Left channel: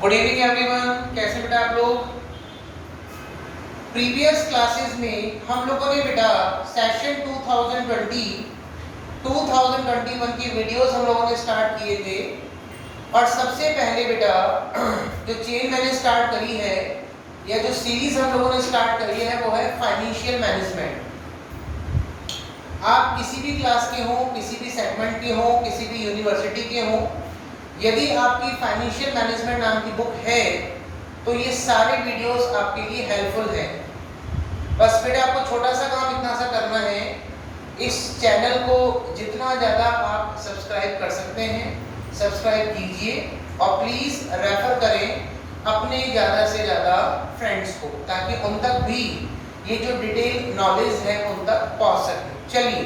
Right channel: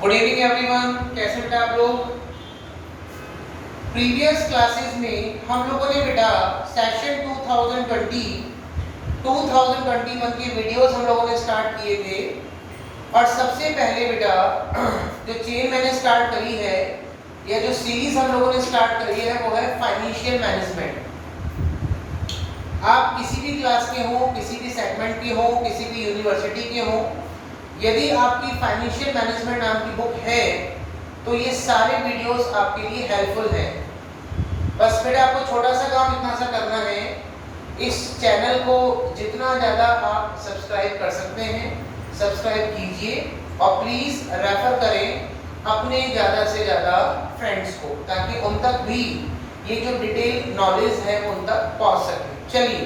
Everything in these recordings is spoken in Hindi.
गुड इवनिंग एवरीवन, कैसे बेटा आप लोग। प्रीवियस क्लासेस में हम लोगों ने बेटा सेशन 2021 के वीडियोस हम लोगों ने स्टार्ट किए थे। और सबसे पहले बेटा जो चेन मैंने स्टार्ट करी है या जो सीरीज हम लोगों ने स्टार्ट करी है वो है फाइनेंशियल मैनेजमेंट। आप किसी भी क्लास के हो, किसी भी सेगमेंट के हो, किसी भी यूनिवर्सिटी के हो, यदि आपकी फाइनेंशियल मैनेजमेंट नाम की बुक है तो ये सारे वीडियोस आपके लिए हेल्पफुल हैं। बस बेटा आपको छोटा सा काम इतना सा करना है, इस चैनल को जितना ज़्यादा आप सब्सक्राइब कर सकते हैं सब्सक्राइब कीजिए और प्लीज़ रेफर करें अपने ज़्यादा से ज़्यादा फ्रेंड्स को, ताकि उन तक भी ये जो डिटेल नॉलेज है उन तक पहुँच सके। चलिए,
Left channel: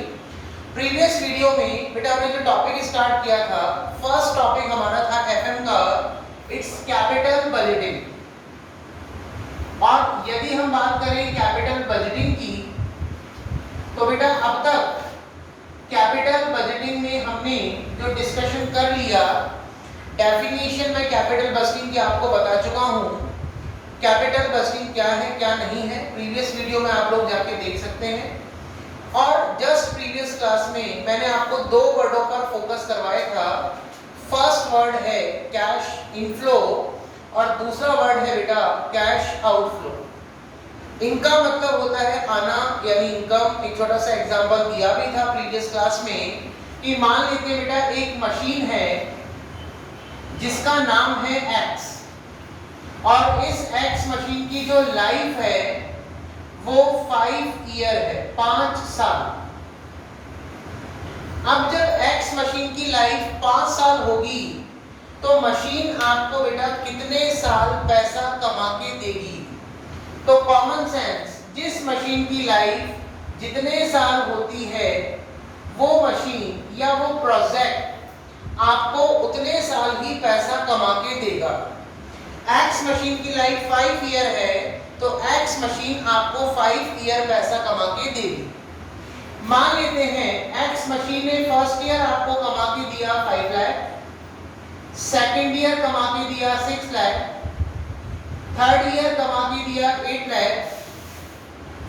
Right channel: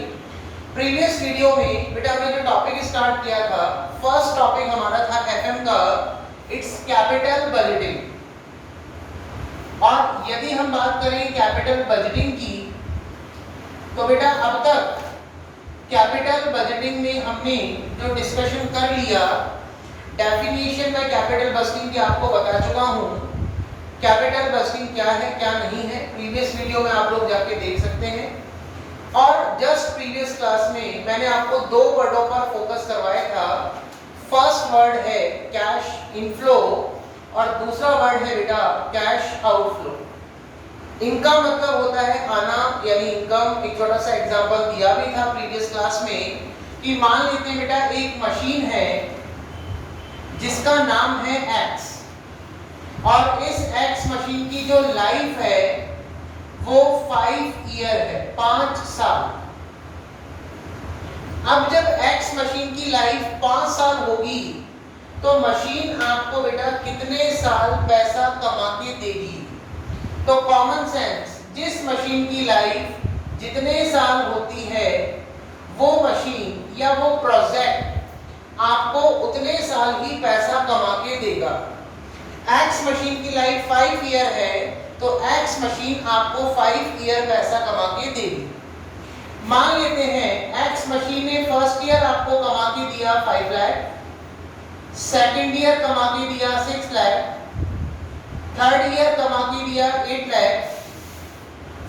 प्रीवियस वीडियो में बेटा हमने जो टॉपिक स्टार्ट किया था, फर्स्ट टॉपिक हमारा था एफएम का, इट्स कैपिटल बजटिंग। और यदि हम बात करें कैपिटल बजटिंग की तो बेटा अब तक कैपिटल बजटिंग में हमने जो डिस्कशन कर लिया, डेफिनेशन में कैपिटल बजटिंग की आपको बता चुका हूं। कैपिटल बजटिंग क्या है क्या नहीं है प्रीवियस वीडियो में आप लोग जाके देख सकते हैं। और जस्ट प्रीवियस क्लास में मैंने आपको दो वर्डों पर फोकस करवाया था। फर्स्ट वर्ड है कैश इनफ्लो और दूसरा वर्ड है बेटा कैश आउटफ्लो। इनका मतलब होता है आना यानी इनकम। एक छोटा सा एग्जांपल दिया भी था प्रीवियस क्लास में कि मान लेते हैं बेटा एक मशीन है जिसका नाम है एक्स, और इस एक्स मशीन की जो लाइफ है वो 5 ईयर है, 5 साल। अब जब एक्स मशीन की लाइफ 5 साल होगी तो मशीन आपको बेटा कितने साल पैसा कमा के देगी। तो कॉमन सेंस, जिस मशीन की लाइफ जितने साल होती है वो मशीन या वो प्रोजेक्ट आपको उतने साल ही पैसा कमा के देगा। एक्स मशीन की लाइफ 5 ईयर है तो एक्स मशीन आपको 5 ईयर पैसा कमा के देगी। मान लेते हैं एक्स मशीन ने फर्स्ट ईयर आपको कमा के दिया 5 लाख, सेकेंड ईयर कमा के दिया 6 लाख, थर्ड ईयर कमा के दिया 8 लाख,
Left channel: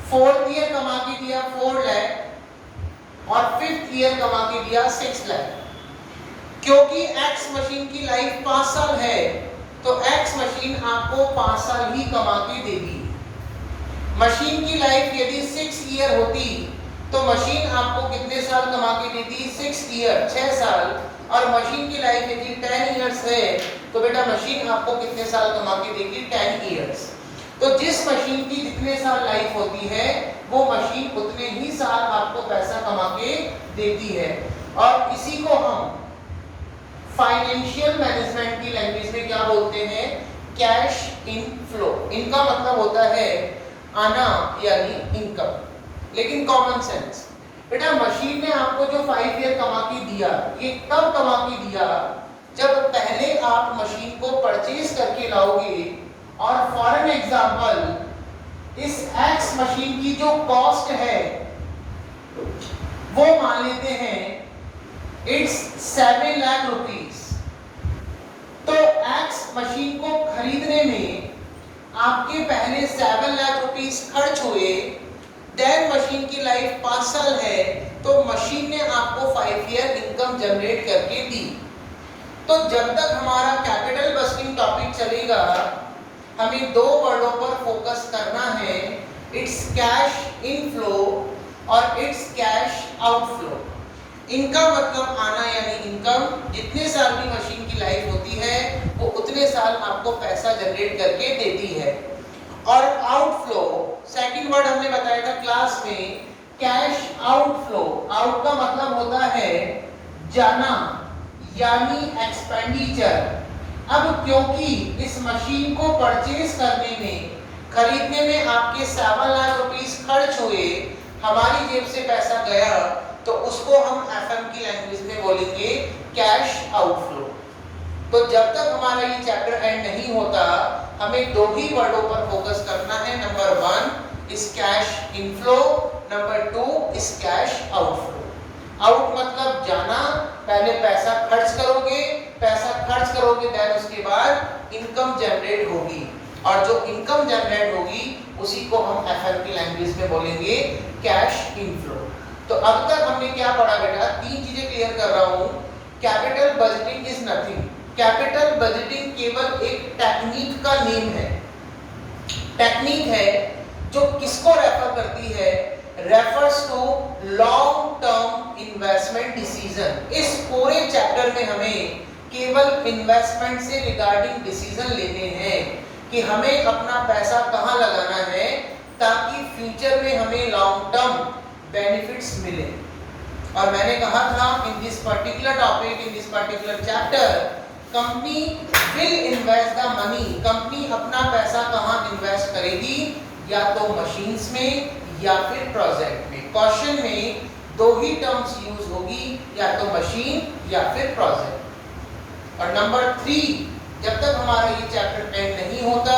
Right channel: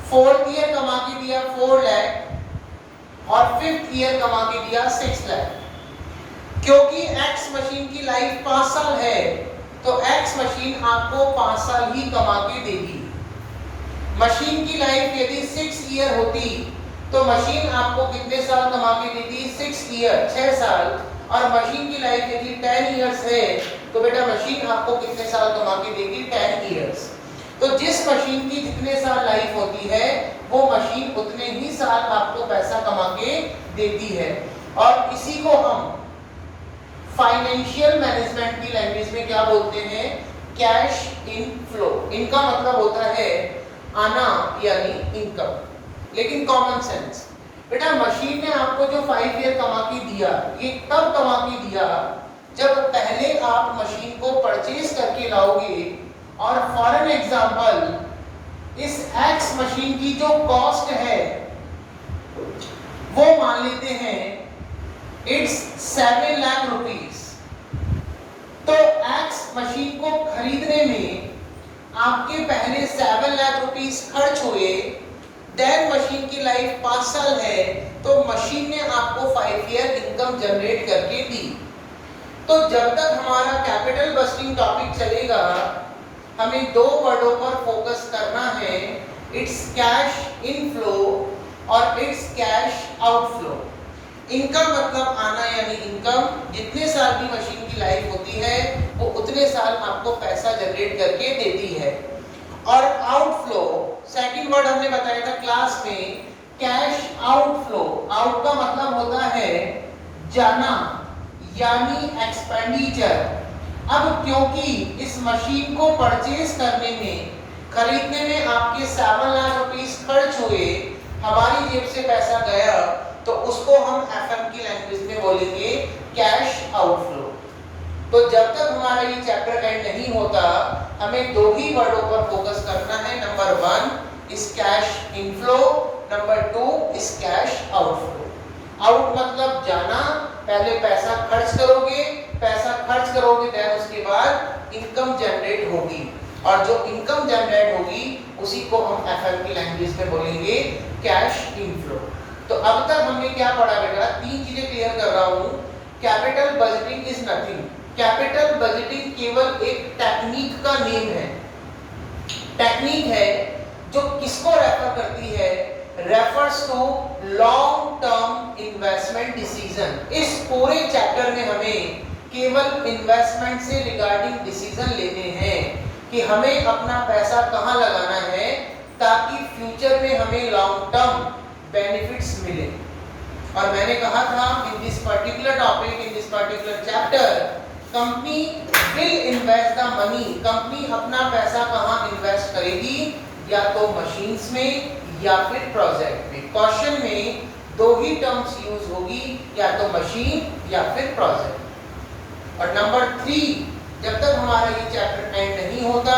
फोर्थ ईयर कमा के दिया 4 लाख और फिफ्थ ईयर कमा के दिया 6 लाख। क्योंकि एक्स मशीन की लाइफ 5 साल है तो एक्स मशीन आपको 5 साल ही कमा के देगी। मशीन की लाइफ यदि 6 ईयर होती तो मशीन आपको कितने साल कमा के देती? 6 ईयर, 6 साल। और मशीन की लाइफ यदि 10 ईयर्स है तो बेटा मशीन आपको कितने साल कमा के देगी? 10 ईयर्स। तो जिस मशीन की जितने साल लाइफ होती है वो मशीन उतने ही साल आपको पैसा कमा के देती है। और इसी को हम फाइनेंशियल मैनेजमेंट की लैंग्वेज में क्या बोलते हैं? Cash inflow. इनका मतलब होता है आना यानी इनकम। लेकिन कॉमन सेंस, बेटा मशीन ने आपको जो 5 ईयर कमा के दिया, ये कब कमा के दिया? जब पहले आप मशीन को परचेज करके लाओगे। और फॉर एन एग्जांपल, इस एक्स मशीन की जो कॉस्ट है वो मान लेते हैं इट्स 7 लाख रुपीस। तो एक्स मशीन को खरीदने में आपके पहले 7 लाख रुपीस खर्च हुए। देन मशीन की लाइफ 5 साल है तो मशीन ने आपको 5 ईयर इनकम जनरेट करके दी। तो जब तक हमारा कैपिटल बजटिंग टॉपिक चलेगा हमें दो वर्डों पर फोकस करना है, इट्स कैश इनफ्लो और इट्स कैश आउटफ्लो। इनका मतलब आना यानी इनकम, जितने साल की मशीन की लाइफ होती है वो उतने साल आपको पैसा जनरेट करके देती है। और आउटफ्लो, सेकंड वर्ड हमने बताया था क्लास में, कैश आउटफ्लो। आउट का मतलब होता है जाना यानी एक्सपेंडिचर। अब क्योंकि इस मशीन को परचेज करने में, खरीदने में आपके 7 लाख रुपीस खर्च हुए, हमारी जेब से पैसा गया, तो उसको हम एफएम की लैंग्वेज में बोलेंगे कैश आउटफ्लो। तो जब तक हमारा ये चैप्टर एंड नहीं होता हमें दो ही वर्डों पर फोकस करना है। नंबर 1 इस कैश इनफ्लो, नंबर 2 इस कैश आउटफ्लो। आउट मतलब जाना, पहले पैसा खर्च करोगे पैसा खर्च करोगे देन उसके बाद इनकम जनरेट होगी, और जो इनकम जनरेट होगी उसी को हम एफएम की लैंग्वेज में बोलेंगे कैश इनफ्लो। तो अब तक हमने क्या पढ़ा बेटा, तीन चीजें क्लियर कर रहा हूं। Capital budgeting is nothing, capital budgeting केवल एक टेक्निक का नेम है, टेक्निक है जो किसको रेफर करती है, refers to long term investment decision. इस पूरे चैप्टर में हमें केवल इन्वेस्टमेंट से रिगार्डिंग डिसीजन लेने हैं कि हमें अपना पैसा कहां लगाना है ताकि फ्यूचर में हमें लॉन्ग टर्म बेनिफिट्स मिले। और मैंने कहा था in this particular topic, in this particular chapter, company will invest the money, company अपना पैसा कहां इन्वेस्ट करेगी, या तो मशीन्स में या फिर प्रोजेक्ट में। क्वेश्चन में दो ही टर्म्स यूज होगी, या तो मशीन या फिर प्रोजेक्ट। और नंबर 3, जब तक हमारा ये चैप्टर एंड नहीं होता,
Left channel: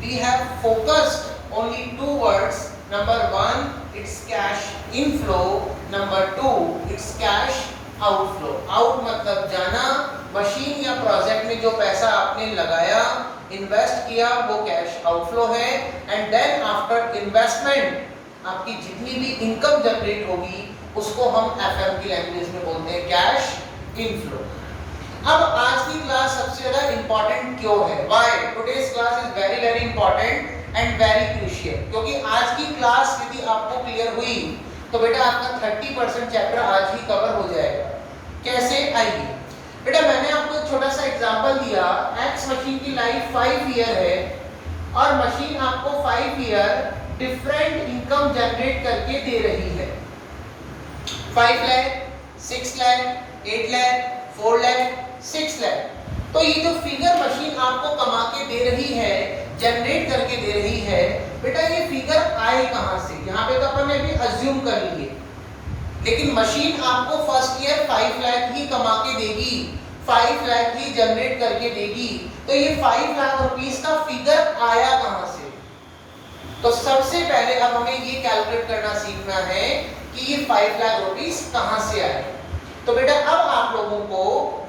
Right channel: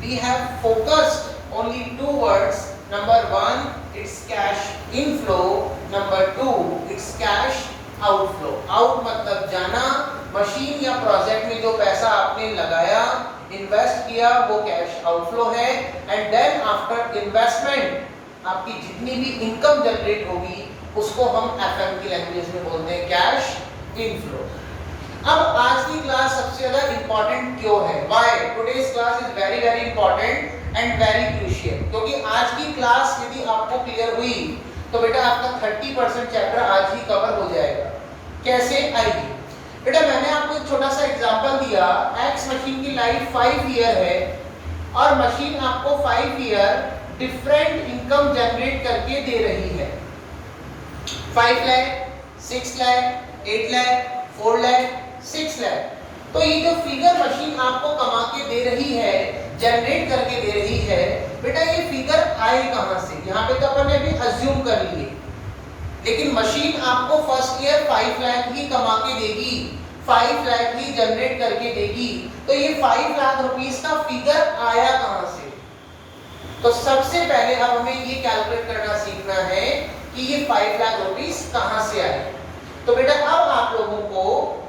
we have focused only 2 words. Number 1 it's cash inflow, number 2 it's cash outflow. Out मतलब जाना, मशीन या प्रोजेक्ट में जो पैसा आपने लगाया, इन्वेस्ट किया, वो कैश आउटफ्लो है। एंड देन आफ्टर इन्वेस्टमेंट आपकी जितनी भी इनकम जनरेट होगी उसको हम एफएम की लैंग्वेज में बोलते हैं कैश इनफ्लो। अब आज की क्लास सबसे ज्यादा इंपॉर्टेंट क्यों है, why today's class is very very important and very crucial, क्योंकि आज की क्लास यदि आपको क्लियर हुई तो बेटा आपका 30% चैप्टर आज ही कवर हो जाएगा। कैसे, आइए बेटा मैंने आपको एक छोटा सा एग्जांपल दिया। एक्स मशीन की लाइफ 5 ईयर है और मशीन आपको 5 ईयर डिफरेंट इनकम जनरेट करके दे रही है। 5 लाख, 6 लाख, 8 लाख, 4 लाख, 6 लाख। तो ये जो फिगर मशीन आपको कमा के दे रही है, जनरेट करके दे रही है, बेटा ये फिगर आए कहां से, यहाँ पे तो अपन ने अभी अज्यूम कर लिए, लेकिन मशीन आपको फर्स्ट ईयर 5 लाख ही कमा के देगी, 5 लाख ही जनरेट करके देगी। तो ये 5 लाख रुपीस का फिगर आया कहां से? तो सबसे पहले अब हमें ये कैलकुलेट करना सीखना है कि ये 5 लाख रुपीस कहां से आए। तो बेटा अब आप लोगों को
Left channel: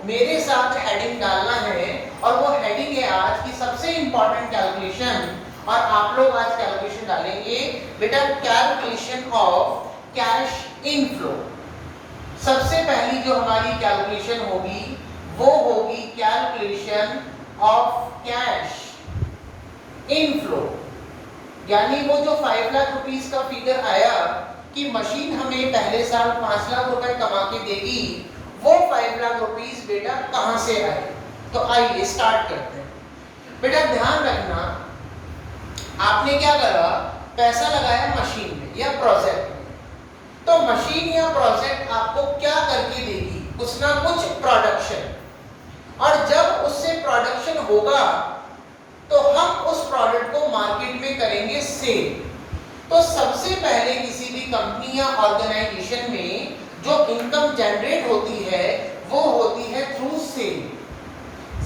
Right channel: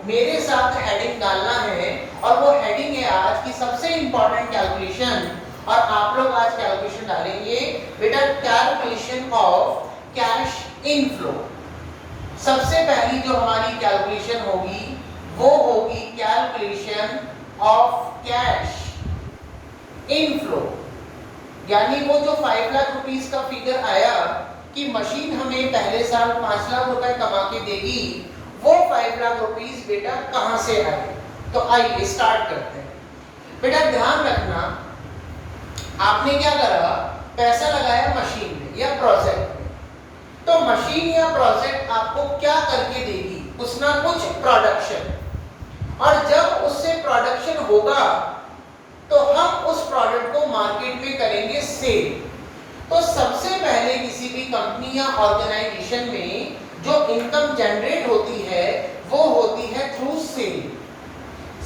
मेरे साथ हेडिंग डालना है, और वो हेडिंग है आज की सबसे इंपॉर्टेंट कैलकुलेशन, और आप लोग आज कैलकुलेशन डालेंगे बेटा कैलकुलेशन ऑफ कैश इनफ्लो। सबसे पहली जो हमारी कैलकुलेशन होगी वो होगी कैलकुलेशन ऑफ कैश इनफ्लो, यानी वो जो 5 लाख रुपीस का फिगर आया कि मशीन हमें पहले साल 5 लाख रुपए कमा के देगी, वो 5 लाख रुपीस बेटा कहां से आए? तो आइए स्टार्ट करते हैं। बेटा ध्यान रखना, आपने क्या करा, पैसा लगाया मशीन में या प्रोजेक्ट में, तो मशीन या प्रोजेक्ट आपको क्या करके देगी, कुछ ना कुछ प्रोडक्शन, और जब उससे प्रोडक्शन होगा तो हम उस प्रोडक्ट को मार्केट में करेंगे सेल। तो सबसे पहले किसी भी कंपनी या ऑर्गेनाइजेशन में जो इनकम जनरेट होती है वो होती है थ्रू सेल।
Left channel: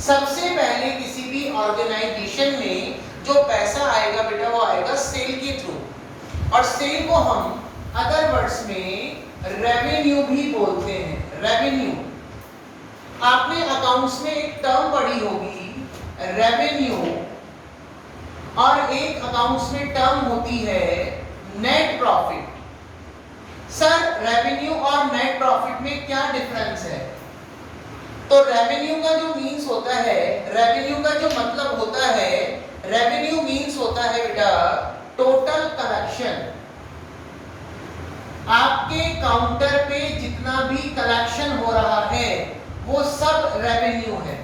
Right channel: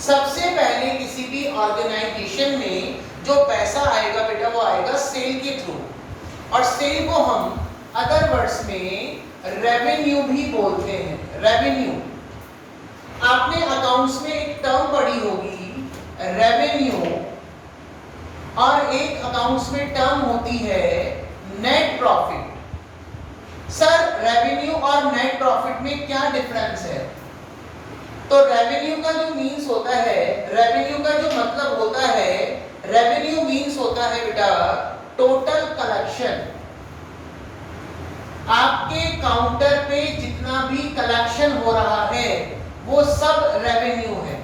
सबसे पहले किसी भी ऑर्गेनाइजेशन में जो पैसा आएगा बेटा वो आएगा सेल के थ्रू, और सेल को हम अदर वर्ड्स में रेवेन्यू भी बोलते हैं। रेवेन्यू, आपने अकाउंट्स में एक टर्म पढ़ी होगी रेवेन्यू, और एक अकाउंट्स में टर्म होती है नेट प्रॉफिट। सर रेवेन्यू और नेट प्रॉफिट में क्या डिफरेंस है? तो रेवेन्यू का जो मीन्स होता है, रेवेन्यू का जो मतलब होता है, रेवेन्यू मीन्स होता है बेटा टोटल कलेक्शन। आपके काउंटर पे जितना भी कलेक्शन हो रहा है वो सब रेवेन्यू है।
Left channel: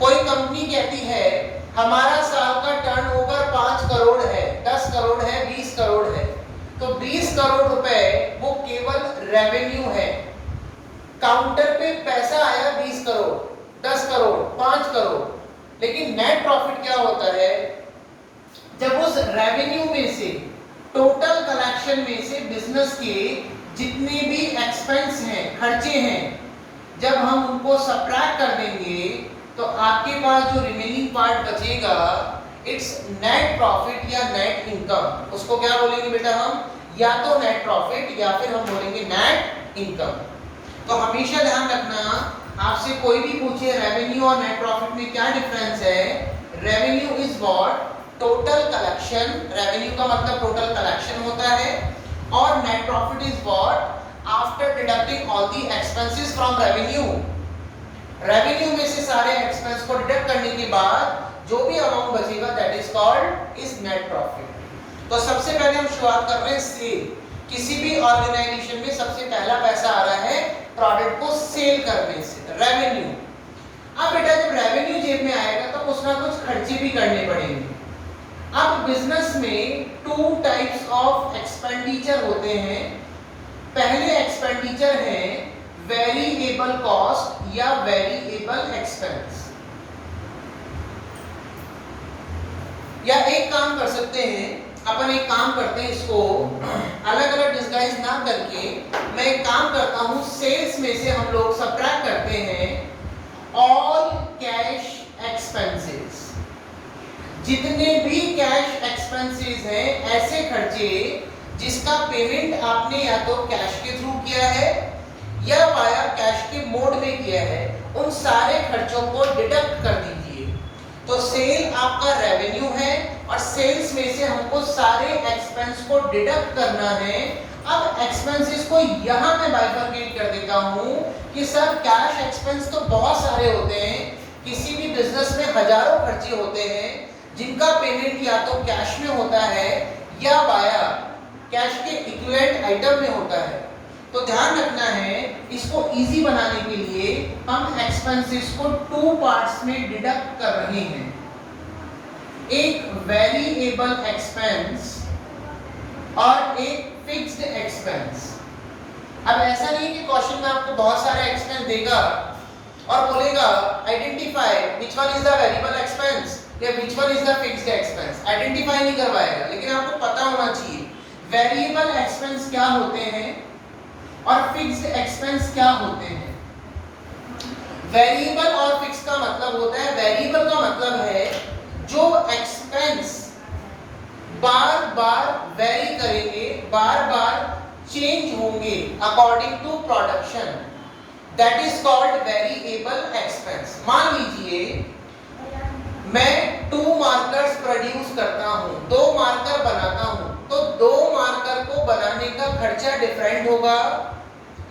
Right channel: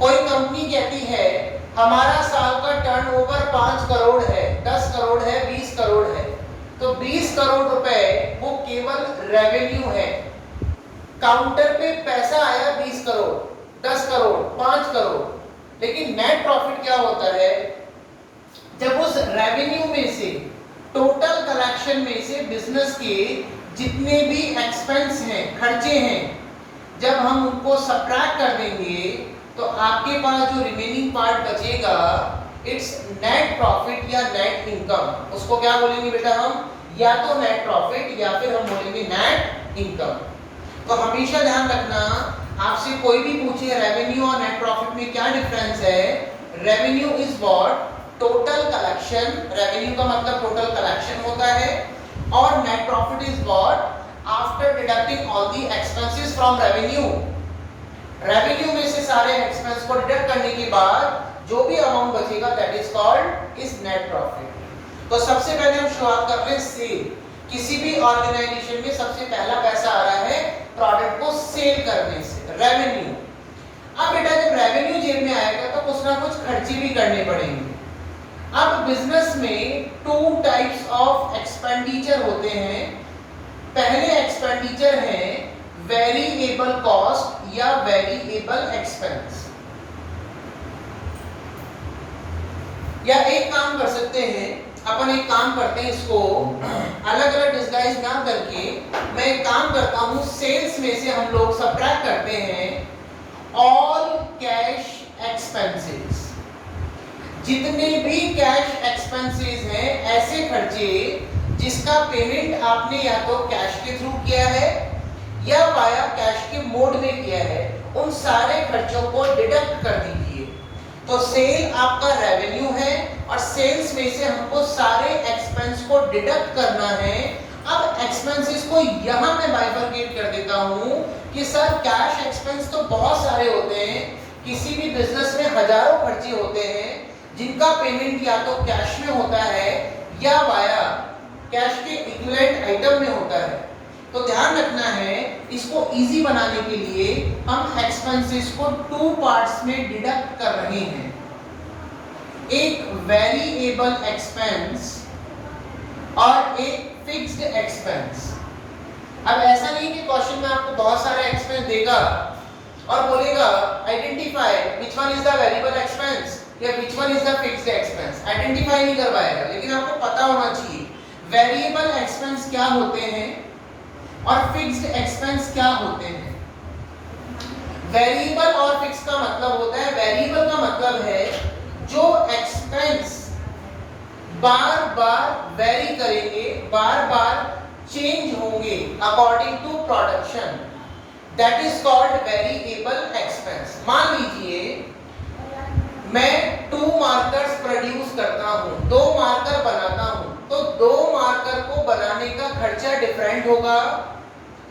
कोई कंपनी कहती है हमारा साल का टर्नओवर 5 करोड़ है, 10 करोड़ है, 20 करोड़ है, तो 20 करोड़ रुपए वो केवल रेवेन्यू है। काउंटर पे पैसा आया 20 करोड़, 10 करोड़, 5 करोड़, लेकिन नेट प्रॉफिट क्या होता है? जब उस रेवेन्यू में से, टोटल कलेक्शन में से बिजनेस के जितने भी एक्सपेंस हैं, खर्चे हैं, जब हम उनको सब्ट्रैक्ट कर देंगे तो आपके पास जो रिमेनिंग पार्ट बचेगा इट्स नेट प्रॉफिट या नेट इनकम। उसको क्या बोलेंगे बेटा हम? या तो नेट प्रॉफिट या फिर हम बोलेंगे नेट इनकम। तो हमेशा ध्यान रखना आपसे कोई भी पूछे रेवेन्यू और नेट प्रॉफिट में क्या डिफरेंस है, revenue is what, total collection, revenue का मतलब टोटल कलेक्शन होता है, और net profit is what, after deducting all the expenses from revenue, revenue में से सारे एक्सपेंस को डिडक्ट करने के बाद जो भी अमाउंट बचेगा that is called is net profit. तो सबसे पहले हम शुरुआत कर रहे हैं सेल। किसी भी ऑर्गेनाइजेशन में सबसे पहला पैसा आ रहा है प्रोडक्ट को सेल करने से, रेवेन्यू। अब बेटा जब रेवेन्यू जेब में आएगा तो कुछ ना कुछ खर्चे भी करने पड़ेंगे। अब बिजनेस में टू टाइप्स ऑफ एक्सपेंडिचर होते हैं। पहले एक्सपेंडिचर है वेरिएबल कॉस्ट या वेरिएबल एक्सपेंस। या एक काम कर सकते हैं, अपन एक काम करते हैं, इसको अलग अलग डिस्गाइज ना करके मैं एक काम करता हूं, सेल्स में से हम लोग सबट्रैक्ट करते हैं ऑल कैश एक्सपेंसेस। जितने भी कैश एक्सपेंसेस हैं, ऐसे खर्चे जिसका पेमेंट आपने या तो कैश के थ्रू किया है या वाया कैश के मोड में किया है, उन सारे खर्चों को डिडक्ट कर दीजिए। तो सेल आपका रेवेन्यू है और सेल्स में से हमको सारे एक्सपेंस को डिडक्ट करना है। अब एक्सपेंसेस को यहां मैं बाइफरकेट कर देता हूं कि सर कैश एक्सपेंस तो बहुत सारे होते हैं, किसी भी बिजनेस में हजारों खर्चे होते हैं जिनका पेमेंट या तो कैश में होता है या वाया कैश के इक्विवेलेंट आइटम में होता है। तो ध्यान रखना है, इसको इजी बनाने के लिए हम एक्सपेंसेस को टू पार्ट्स में डिडक्ट कर रहे हैं, एक वेरिएबल एक्सपेंस और एक फिक्स्ड एक्सपेंस। अब ऐसा नहीं कि क्वेश्चन में आपको बहुत सारे एक्सपेंस देगा और बोलेगा identify which one is the variable expense या which one is the fixed expense, identify नहीं करवाएगा। लेकिन आपको पता होना चाहिए वेरिएबल एक्सपेंस क्या होते हैं और फिक्स्ड एक्सपेंस क्या होते हैं। वेरिएबल और फिक्स का मतलब होता है, वेरिएबल का मतलब है जो एक्सपेंस बार बार वेरी करेंगे, बार बार चेंज होंगे according to production, that is called variable expense. मान लीजिए मैं 2 मार्कर्स प्रोड्यूस करता हूं, 2 मार्कर बनाता हूं, तो 2 मार्कर को बनाने का खर्चा डिफरेंट होगा।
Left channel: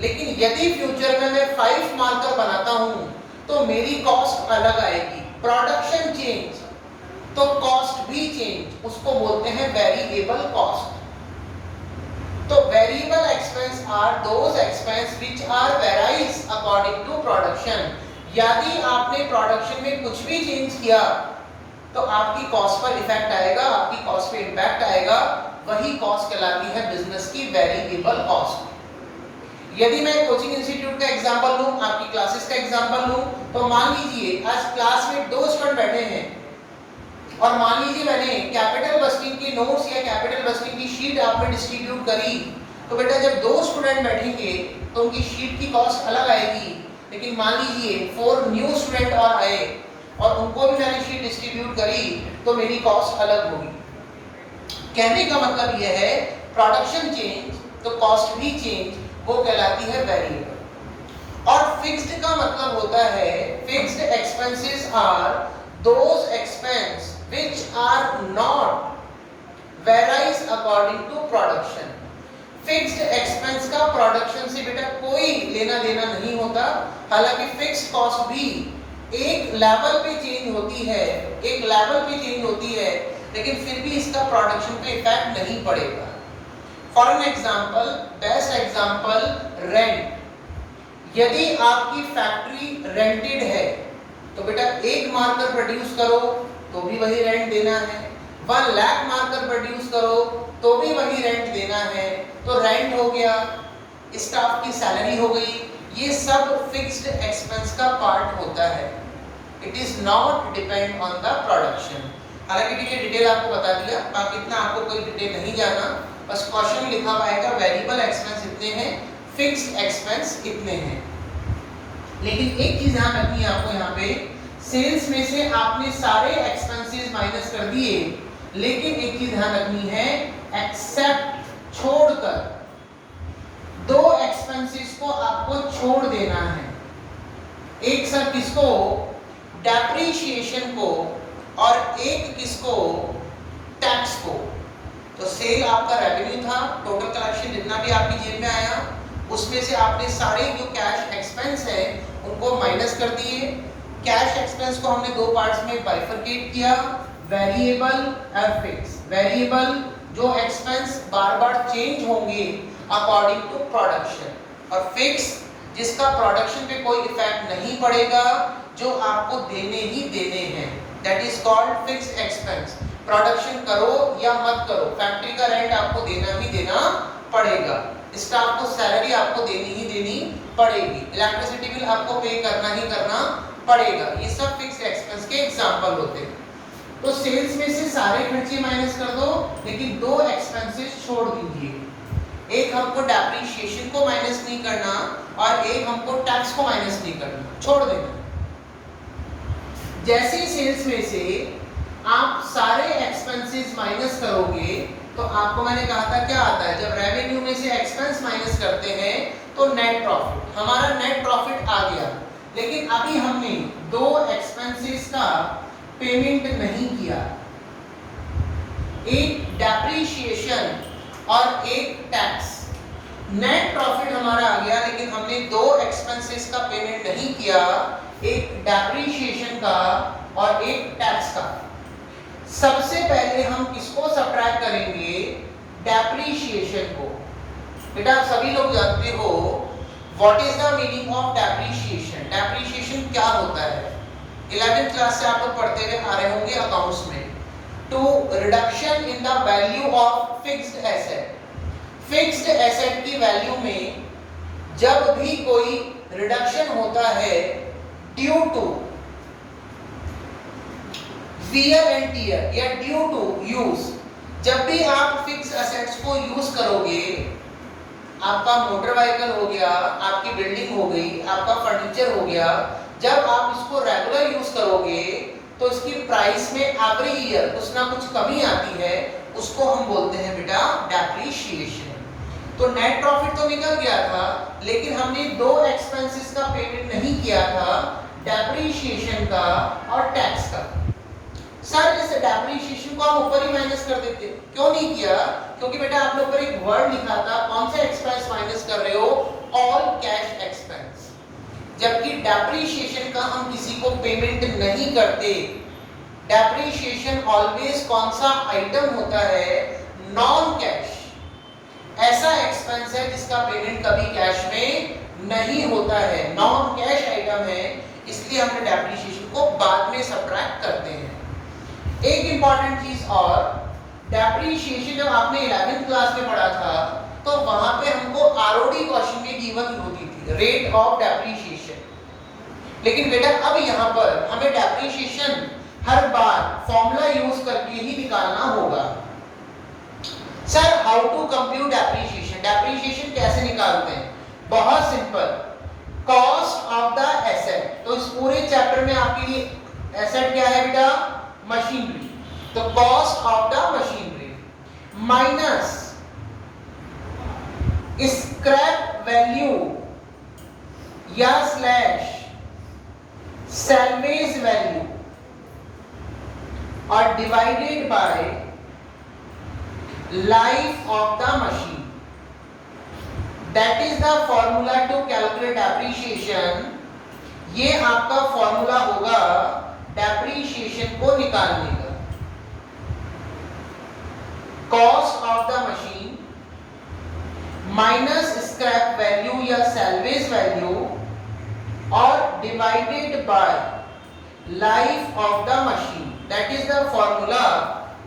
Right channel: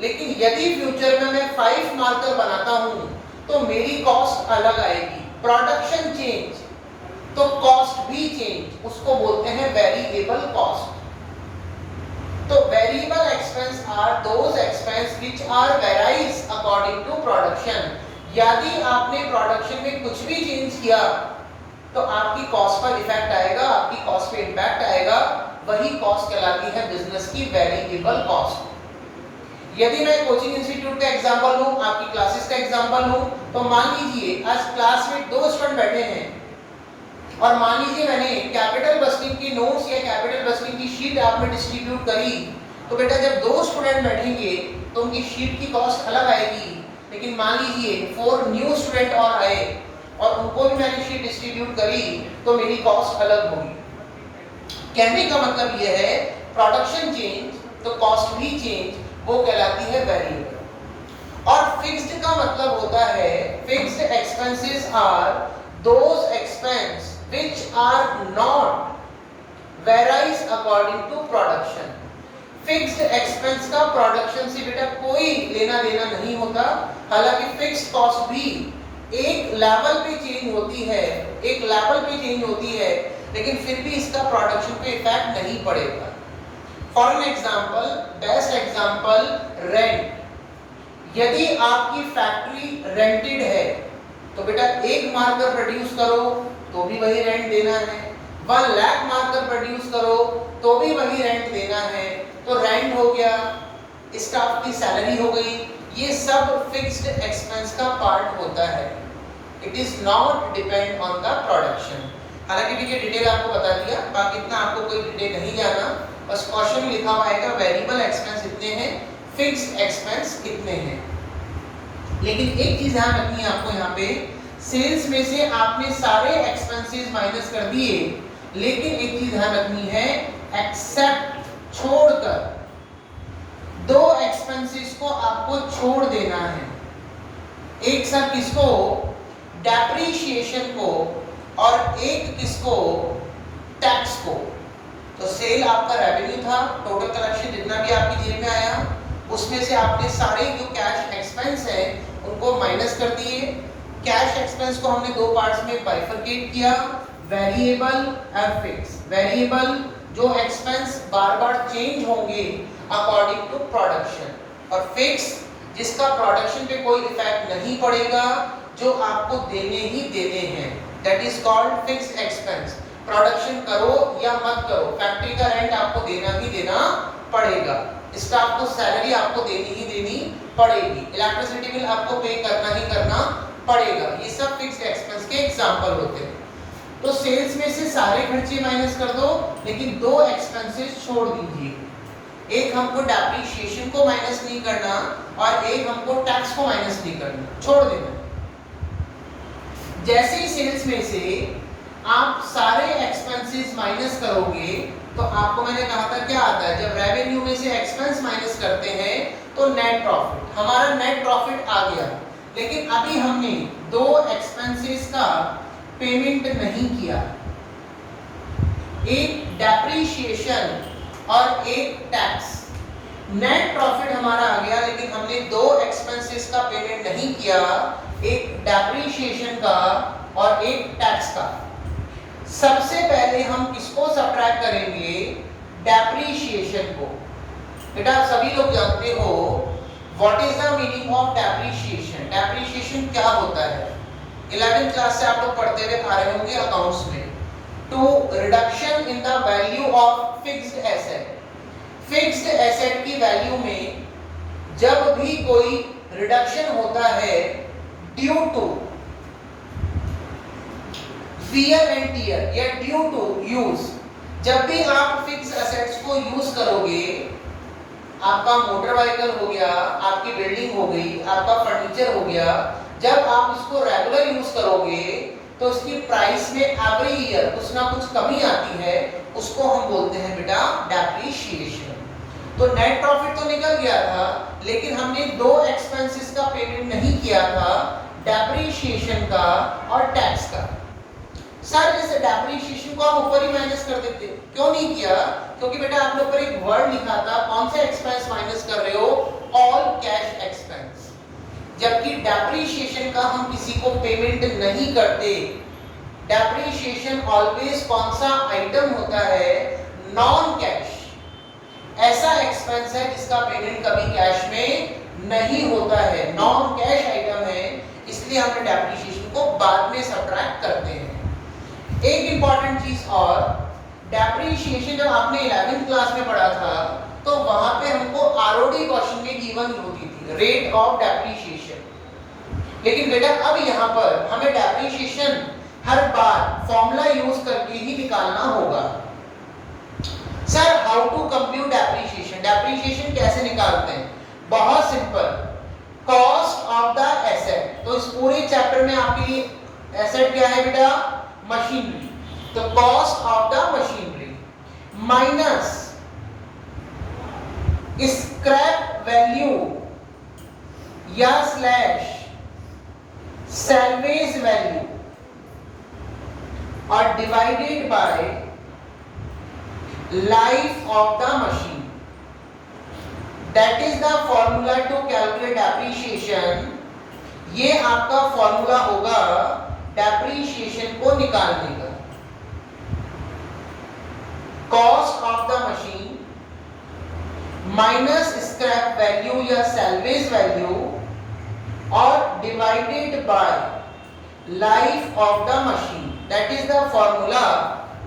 लेकिन यदि फ्यूचर में मैं 5 मार्कर बनाता हूं तो मेरी कॉस्ट अलग आएगी। प्रोडक्शन चेंज तो कॉस्ट भी चेंज, उसको बोलते हैं वेरिएबल कॉस्ट। तो variable expense are those expense which are varies according to production. यदि आपने प्रोडक्शन में कुछ भी चेंज किया तो आपकी कॉस्ट पर इफेक्ट आएगा, आपकी कॉस्ट पे इंपैक्ट आएगा, वही कॉस्ट कहलाती है बिजनेस की वेरिएबल कॉस्ट। यदि मैं कोचिंग इंस्टीट्यूट का एग्जांपल लूं, आपकी क्लासेस का एग्जांपल लूं, तो मान लीजिए आज क्लास में 2 स्टूडेंट बैठे हैं और मान लीजिए मैंने कैपिटल बस्टिंग की नोट्स या कैपिटल बस्टिंग की शीट आप में डिस्ट्रीब्यूट करी, तो बेटा जब 2 स्टूडेंट बैठेंगे तो उनकी शीट की कॉस्ट अलग आएगी। लेकिन मान लीजिए 4 न्यू स्टूडेंट और आए और उनको भी मैंने शीट डिस्ट्रीब्यूट करी तो मेरी कॉस्ट अलग होगी। कहने का मतलब यह है प्रोडक्शन चेंज तो कॉस्ट भी चेंज, वो कहलाती है वेरिएबल। और फिक्स्ड का मतलब होता है fixed expenses are those expense which are not varies according to production. Fixed expense का प्रोडक्शन से बेटा कोई लेना देना नहीं होता। हालांकि फिक्स्ड कॉस्ट भी एक लेवल पे चेंज होती है, एक लेवल पे चेंज होती है, लेकिन फिर भी इसका प्रोडक्शन पे इफेक्ट नहीं पड़ेगा। For an example, best example rent. यदि आपकी फैक्ट्री रेंटेड है तो बेटा 1 मार्कर प्रोड्यूस करो तो भी वही रेंट देना है, 1 लाख मार्कर प्रोड्यूस करो तो भी वही रेंट देना है। तो रेंट हो गया, स्टाफ की सैलरी हो गई, ये सब फिक्स्ड एक्सपेंस का पार्ट होता है। It is not depend on the production. हालांकि ठीक है, डिटेल आपको बता दिया, बाकी इतना आपको कोई डिटेल नहीं जाना, बस क्वेश्चन में लिखा हुआ आएगा वेरिएबल एक्सपेंस इतने हैं, फिक्स्ड एक्सपेंस इतने हैं। लेकिन एक चीज ध्यान रखनी है आपको, यहाँ पे सेल्स में से आपने सारे एक्सपेंसेस माइनस कर दिए, लेकिन एक चीज ध्यान रखनी है, एक्सेप्ट छोड़कर 2 एक्सपेंसेस को आपको छोड़ देना है। एक सर किसको, डेप्रीशिएशन को, और एक किसको, टैक्स को। तो सेल आपका रेवेन्यू था, टोटल कलेक्शन जितना भी आपकी जेब में आया उसमें से आपने सारे जो कैश एक्सपेंस है उनको माइनस कर दिए। कैश एक्सपेंस को हमने दो पार्ट्स में बाइफरकेट किया, वेरिएबल और फिक्स। वेरिएबल जो एक्सपेंस बार बार चेंज होंगे अकॉर्डिंग टू प्रोडक्शन, और फिक्स जिसका प्रोडक्शन पे कोई इफेक्ट नहीं पड़ेगा, जो आपको देने ही देने हैं, that is called fixed expense. Production करो या मत करो, फैक्ट्री का रेंट आपको देना ही देना पड़ेगा, स्टाफ को सैलरी आपको देनी ही देनी पड़ेगी, इलेक्ट्रिसिटी बिल आपको पे करना ही करना पड़ेगा। ये सब फिक्स्ड एक्सपेंस के एग्जांपल होते हैं। तो सेल्स में से सारे खर्चे माइनस कर दो, लेकिन दो एक्सपेंसेस छोड़ दीजिए। एक हमको डेप्रिसिएशन को माइनस नहीं करना और एक हमको टैक्स को माइनस नहीं करना, छोड़ देना। जैसे ही सेल्स में से आप सारे एक्सपेंसेस माइनस करोगे तो आपको मैंने कहा था क्या आता है, जब रेवेन्यू में से एक्सपेंस माइनस करते हैं तो नेट प्रॉफिट। हमारा नेट प्रॉफिट आ गया, लेकिन अभी हमने दो एक्सपेंसेस का पेमेंट नहीं किया, एक डेप्रिसिएशन और एक टैक्स। नेट प्रॉफिट हमारा आ गया, लेकिन हमने दो एक्सपेंसेस का पेमेंट नहीं किया, एक डेप्रिसिएशन का और एक टैक्स का। सबसे पहले हम किसको सब्ट्रैक्ट करेंगे, डेप्रिसिएशन को। बेटा आप सभी लोग जानते हो what is the meaning of depreciation. Depreciation क्या होता है, 11th क्लास से आप लोग पढ़ते हुए आ रहे होंगे अकाउंट्स में। To reduction in the value of fixed asset. Fixed asset की वैल्यू में जब भी कोई रिडक्शन होता है due to wear and tear या ड्यू टू यूज, जब भी आप फिक्स्ड एसेट्स को यूज करोगे, आपका मोटर व्हीकल हो गया, आपकी बिल्डिंग हो गई, आपका फर्नीचर हो गया, जब आप इसको रेगुलर यूज करोगे तो इसकी प्राइस में एवरी ईयर कुछ ना कुछ कमी आती है, उसको हम बोलते हैं बेटा डेप्रिसिएशन। तो नेट प्रॉफिट तो निकल गया था, लेकिन हमने दो एक्सपेंसेस का पेमेंट नहीं किया था, डेप्रिसिएशन का और टैक्स का। सर इस डेप्रिसिएशन को हम ऊपर ही माइनस कर देते, क्यों नहीं किया, क्योंकि बेटा आप लोग पर एक वर्ड लिखा था, कौन सा एक्सपेंस माइनस कर रहे हो, ऑल कैश एक्सपेंस। जबकि डेप्रिसिएशन का हम किसी को पेमेंट नहीं करते। डेप्रिसिएशन ऑलवेज कौन सा आइटम होता है, नॉन कैश, ऐसा एक्सपेंस है जिसका पेमेंट कभी कैश में नहीं होता है, नॉन कैश आइटम है, इसलिए हमने डेप्रिसिएशन को बाद में सब्ट्रैक्ट करते हैं। एक इंपॉर्टेंट चीज और, डेप्रिसिएशन जब आपने 11th क्लास में पढ़ा था तो वहां पे हमको आरओडी क्वेश्चन में गिवन होती थी, रेट ऑफ डेप्रिसिएशन। लेकिन बेटा अब यहाँ पर हमें डेप्रिसिएशन हर बार फॉर्मूला यूज करके ही निकालना होगा। Sir how to compute depreciation, depreciation कैसे निकालते हैं, बहुत simple, cost of the asset. तो इस पूरे चैप्टर में आपके लिए एसेट क्या है बेटा, मशीनरी, तो cost of the machinery minus scrap value या स्लैश सैल्वेज वैल्यू और divided by life of the machine. That is the formula to calculate depreciation. ये आपका फॉर्मूला होगा डेप्रिसिएशन को निकालने का। Cost of the machine minus scrap value या सैल्वेज वैल्यू और divided by life of the machine, that is the formula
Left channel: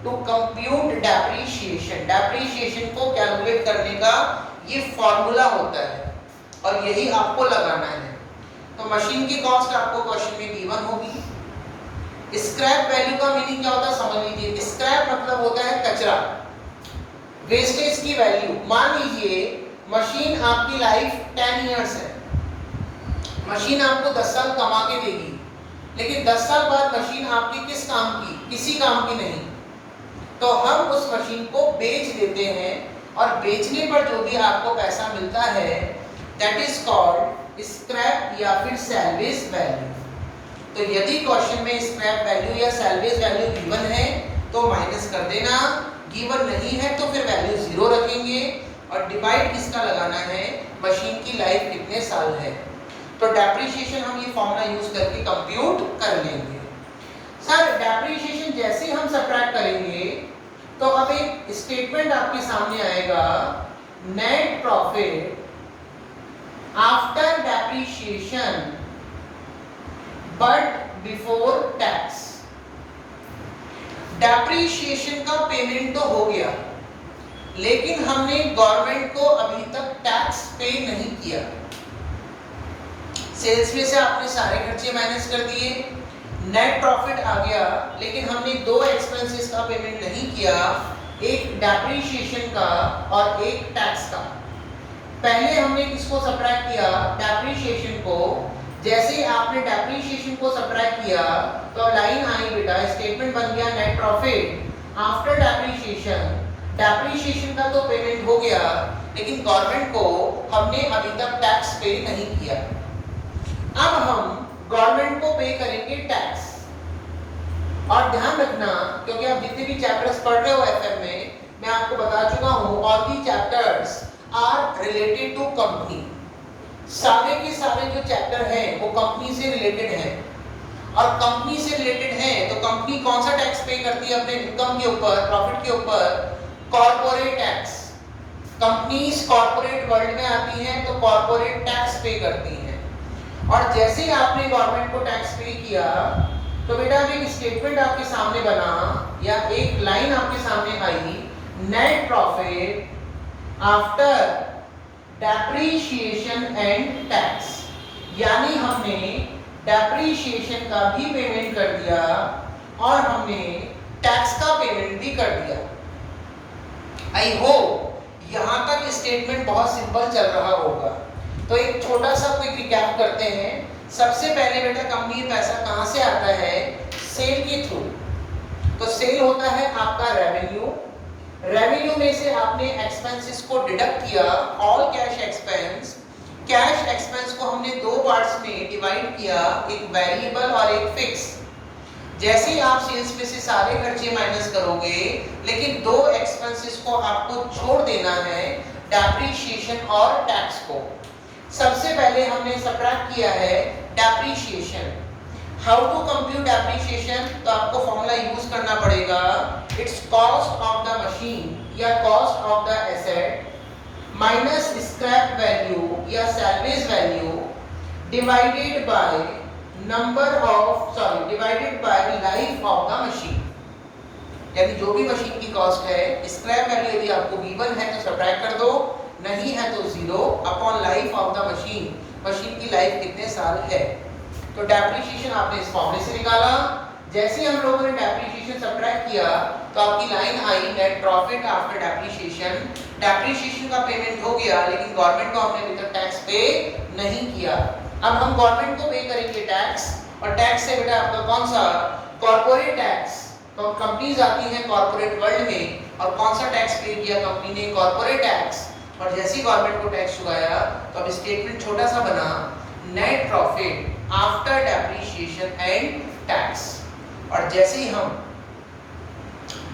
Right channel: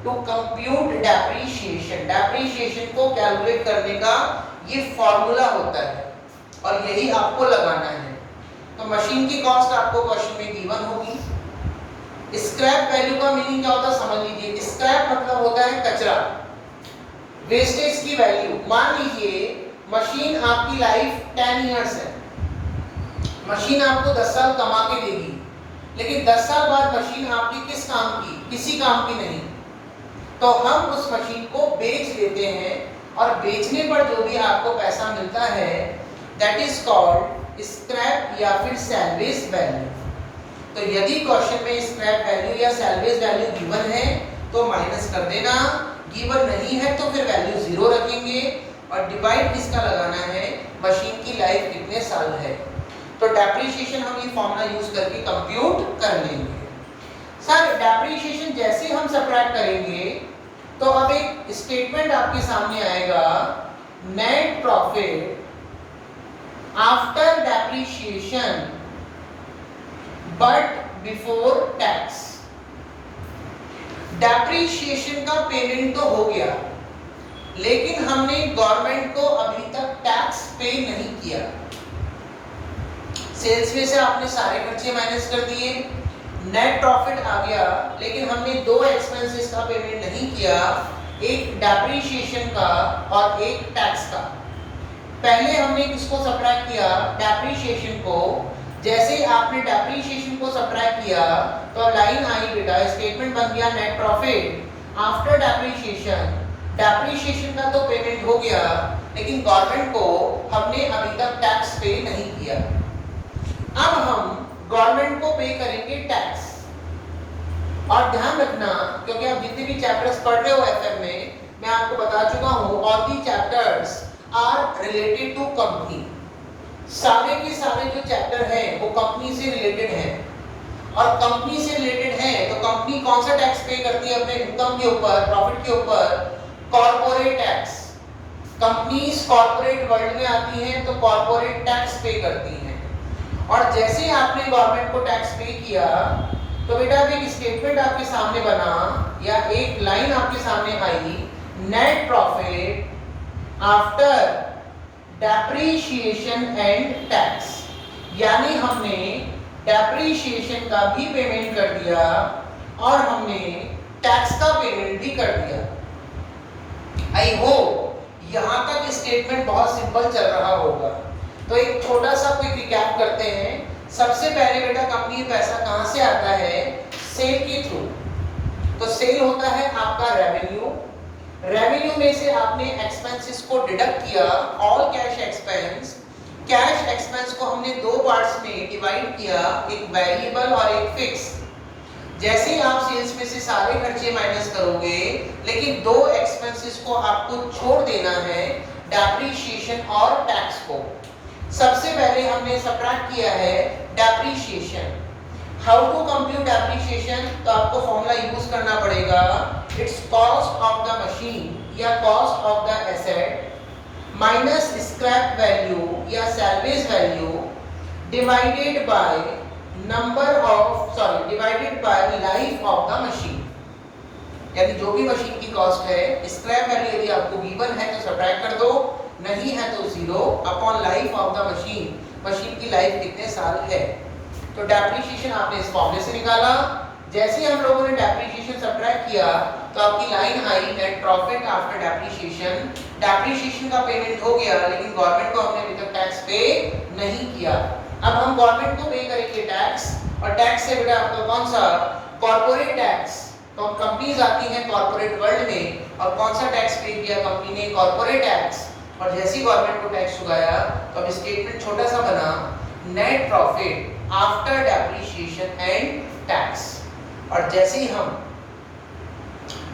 to compute depreciation. Depreciation को कैलकुलेट करने का ये फॉर्मूला होता है और यही आपको लगाना है। तो मशीन की कॉस्ट आपको क्वेश्चन में गिवन होगी। स्क्रैप वैल्यू का मीनिंग क्या होता है समझ लीजिए। स्क्रैप मतलब होता है कचरा, वेस्टेज की वैल्यू। मान लीजिए मशीन आपकी लाइफ 10 इयर्स है, मशीन आपको 10 साल कमा के देगी, लेकिन 10 साल बाद मशीन आपकी किस काम की, किसी काम की नहीं, तो हम उस मशीन को बेच देते हैं और बेचने पर जो भी आपको पैसा मिलता है दैट इज कॉल्ड स्क्रैप या फिर सैल्वेज वैल्यू। तो यदि क्वेश्चन में स्क्रैप वैल्यू या सैल्वेज वैल्यू गिवन है तो माइनस कर देना, गिवन नहीं है तो फिर वैल्यू 0 रखेंगे और डिवाइड किसका लगाना है, मशीन की लाइफ कितने साल है। तो डेप्रिसिएशन हम ये फॉर्मूला यूज करके कंप्यूट कर लेंगे। सर डेप्रिसिएशन जैसे हम सबट्रैक्ट करेंगे तो अब एक स्टेटमेंट आपके सामने आएगा, net profit after depreciation but before tax. Depreciation का पेमेंट तो हो गया, लेकिन हमने गवर्नमेंट को अभी तक टैक्स पे नहीं किया। सेल्स में से आपने सारे खर्चे माइनस कर दिए, नेट प्रॉफिट आ गया, लेकिन हमने दो एक्सपेंसेस का पेमेंट नहीं किया, एक डेप्रिसिएशन का और एक टैक्स का। पहले हमने किसको सबट्रैक्ट किया, डेप्रिसिएशन को। जैसे ही आपने डेप्रिसिएशन को सबट्रैक्ट किया तो लाइन आई बेटा, स्टेटमेंट बन गया net profit after depreciation. Depreciation का तो पेमेंट हो गया, लेकिन गवर्नमेंट को हमने अभी तक टैक्स पे नहीं किया। अब हम गवर्नमेंट को पे करेंगे टैक्स। और ध्यान रखना, क्योंकि आप जितने भी चैप्टर्स पढ़ रहे हो एफएम में, मैं आपको बता चुका हूं, all the chapters are related to company. सारे के सारे जो चैप्टर हैं वो कंपनी से रिलेटेड हैं, और कंपनी से रिलेटेड है तो कंपनी कौन सा टैक्स पे करती है अपने इनकम के ऊपर, प्रॉफिट के ऊपर, corporate tax. Companies corporate world में आती हैं तो कॉर्पोरेट टैक्स पे करती हैं। और जैसे ही आपने गवर्नमेंट को टैक्स पे किया तो बेटा अब एक स्टेटमेंट आपके सामने बना या एक लाइन आपके सामने आई, net profit after depreciation and tax. यानी हमने डेप्रिसिएशन का भी पेमेंट कर दिया और हमने टैक्स का पेमेंट भी कर दिया। आई होप यहां तक स्टेटमेंट बहुत सिंपल चल रहा होगा। तो एक छोटा सा क्विक रिकैप करते हैं। सबसे पहले बेटा कंपनी पैसा कहां से आता है, सेल के थ्रू। तो सेल होता है आपका रेवेन्यू, रेवेन्यू में से आपने एक्सपेंसेस को डिडक्ट किया, all cash expense. Cash expense को हमने दो पार्ट्स में डिवाइड किया, एक वेरिएबल और एक फिक्स। जैसे ही आप सेल्स में से सारे खर्चे माइनस करोगे, लेकिन दो एक्सपेंसेस को आपको छोड़ देना है, डेप्रिसिएशन और टैक्स को। सबसे पहले हमने सबट्रैक्ट किया है depreciation. How to compute depreciation, तो आपको फॉर्मूला यूज करना पड़ेगा, it's cost of the machine या cost of the asset minus scrap value या salvage value divided by divided by life of the machine. यानी जो भी मशीन की कॉस्ट है, स्क्रैप वैल्यू यदि आपको गिवन है तो सबट्रैक्ट कर दो, नहीं है तो 0 upon life of the machine. Machine की लाइफ कितने साल है। तो डेप्रिसिएशन आपने इस फॉर्मूले से निकाला। जैसे हम लोगों ने डेप्रिसिएशन सबट्रैक्ट किया तो आपकी लाइन आई net profit after depreciation. Depreciation का पेमेंट हो गया, लेकिन गवर्नमेंट को हमने अभी तक टैक्स पे नहीं किया। अब हम गवर्नमेंट को पे करेंगे टैक्स, और टैक्स से बेटा आपका कौन सा, कॉर्पोरेट टैक्स। तो कंपनीज आती हैं कॉर्पोरेट वर्ल्ड में, और कौन सा टैक्स पे किया कंपनी ने, कॉर्पोरेट टैक्स। और जैसे ही गवर्नमेंट को टैक्स चुकाया तो अब स्टेटमेंट छोटा सा बना, net profit after depreciation and tax. और जैसे ही हम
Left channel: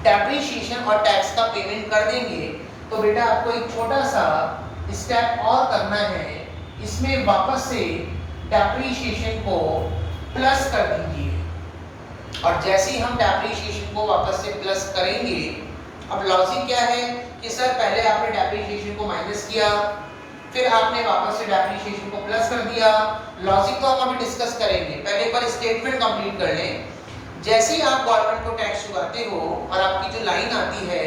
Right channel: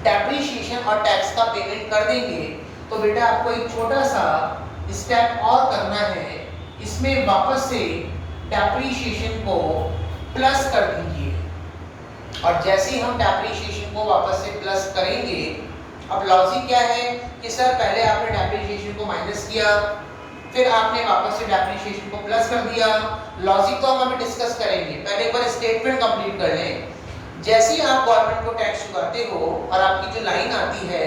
डेप्रिसिएशन और टैक्स का पेमेंट कर देंगे तो बेटा आपको एक छोटा सा स्टेप और करना है, इसमें वापस से डेप्रिसिएशन को प्लस कर दीजिए। और जैसे ही हम डेप्रिसिएशन को वापस से प्लस करेंगे, अब लॉजिक क्या है कि सर पहले आपने डेप्रिसिएशन को माइनस किया, फिर आपने वापस से डेप्रिसिएशन को प्लस कर दिया। लॉजिक को हम अभी डिस्कस करेंगे, पहले एक बार स्टेटमेंट कंप्लीट कर लें। जैसे ही आप गवर्नमेंट को टैक्स चुकाते हो और आपकी जो लाइन आती है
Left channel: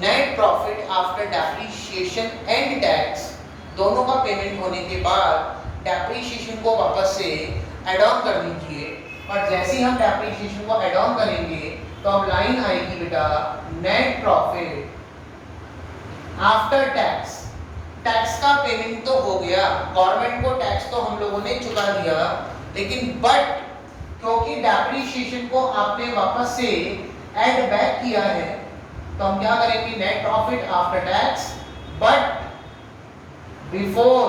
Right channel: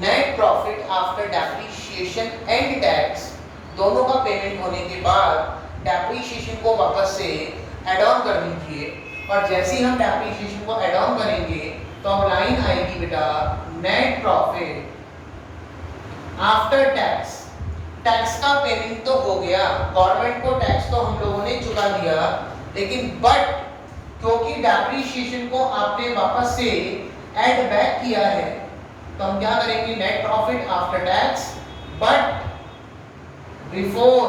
net profit after depreciation and tax, दोनों का पेमेंट होने के बाद डेप्रिसिएशन को वापस से ऐड ऑन कर दीजिए। और जैसे ही हम डेप्रिसिएशन को ऐड ऑन करेंगे तो अब लाइन आएगी बेटा net profit after tax. Tax का पेमेंट तो हो गया, गवर्नमेंट को टैक्स तो हम लोगों ने चुका दिया, लेकिन बट क्योंकि डेप्रिसिएशन को आपने वापस से ऐड बैक किया है, तो हम क्या करेंगे, net profit after tax but before